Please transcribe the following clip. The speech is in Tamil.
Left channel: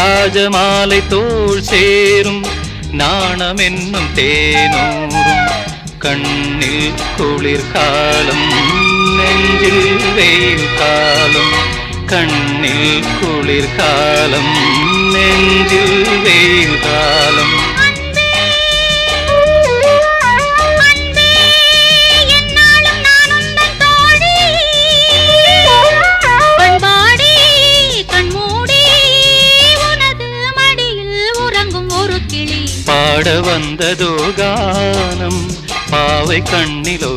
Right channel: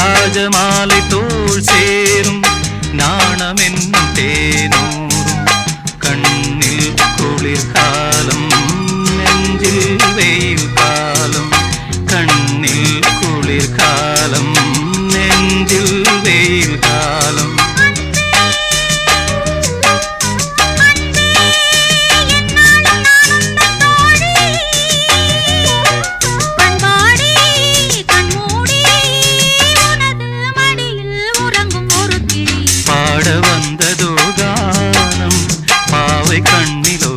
ராஜமாலை தோல் சேரும் நாணம் என்னும் தேனூரும் கண்ணில் குளிர்காலம் நெஞ்சில் வெயில் காலம் கண்ணில் குளிர்காலம் நெஞ்சில் பாட வந்ததோ கானம் பாவை கண்ணிலோ